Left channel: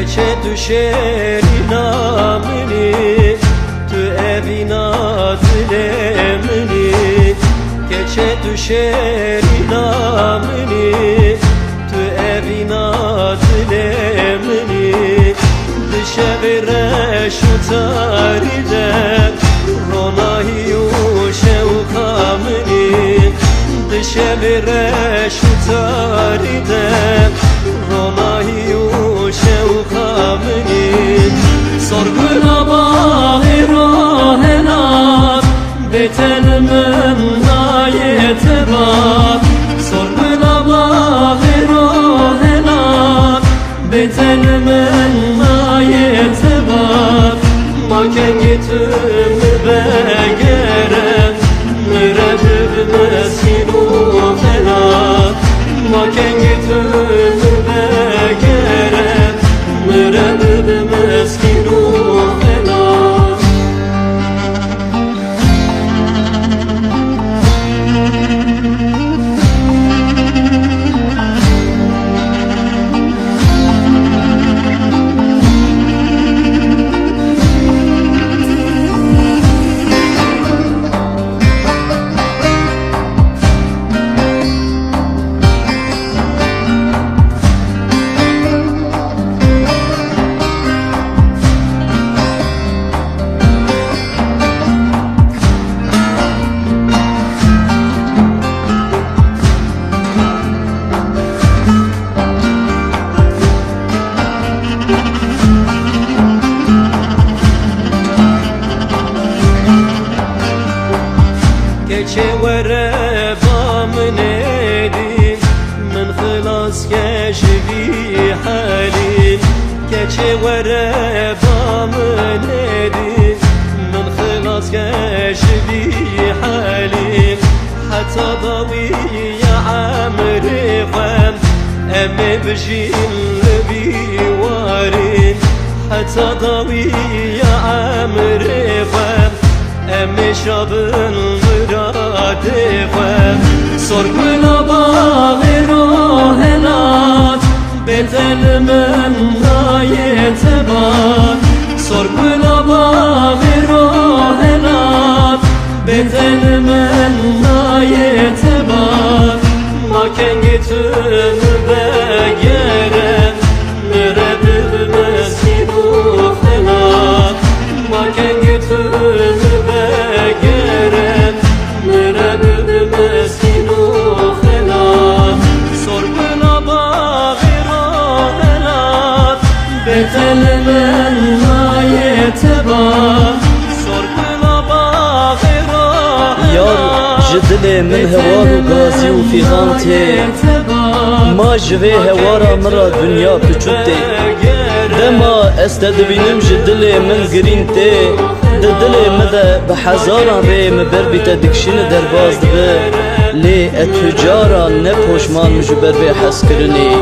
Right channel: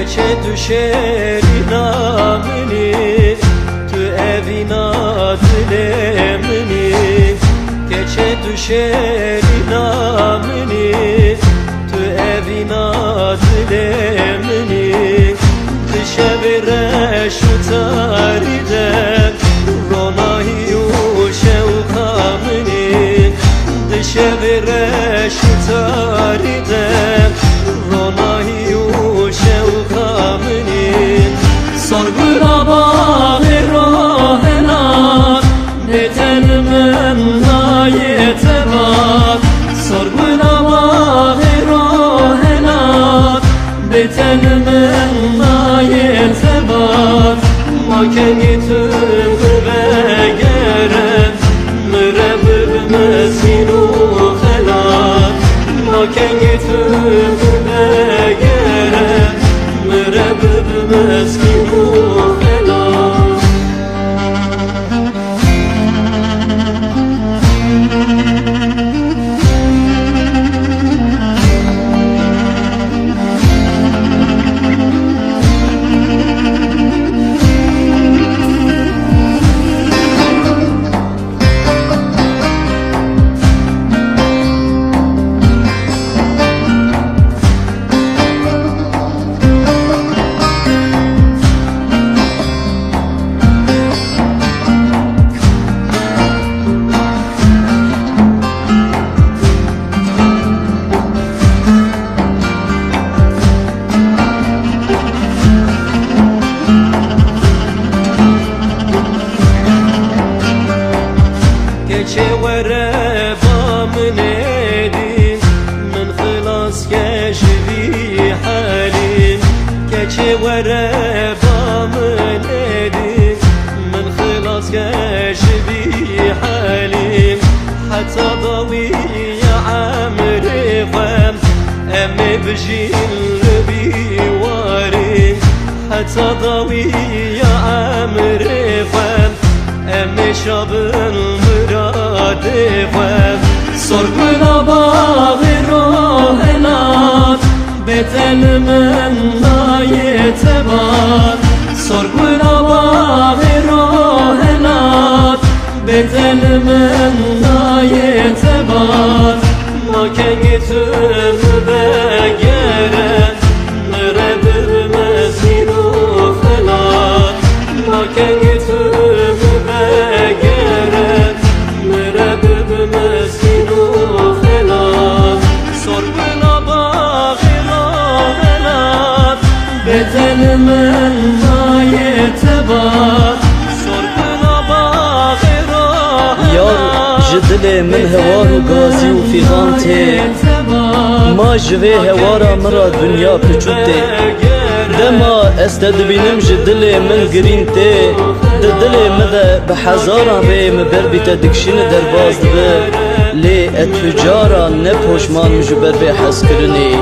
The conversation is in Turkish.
keçe düşeri namini tu evina dilemini keçe düşeri namini tu evina dilemini dışevire şu taride ronahiyu şevkamini dışevire şu taride ronahiyu şevkamini sorgula bağı rohenat betel mennayete bak sorgula bağı rohenat betel mennayete bak maken gittim ve gerem mürebbib mezginu helat maken gittim ve gerem mürebbib mezginu helat keçe vere bamın edin من خلاص keşfi halim keçe vere bamın edin من خلاص keşfi halim hatta dawi ya amri fam em bjil bi warin hatta dawi ya amri fam أمشرب المراد خوام صرقنا باغي روهنات بتل من نايتبات صرقنا باغي روهنات بتل من نايتبات ما كان جتم بغيرن مربب مزين وخلات ما كان جتم بگرد مربب مسکین و خلات سرگنا باغی راهلات به دل من نایتبات سرگنا باغی راهلات یار جدل من هوار و گازی و فیغانته ما جوه هوارا مرا دنیا پچوته دما استدبینم جدل من گرینته دل مده به هزاران ری مبر بیت دکشین در باز به لی اتجاران نپوشمان مجبر به حس کرنی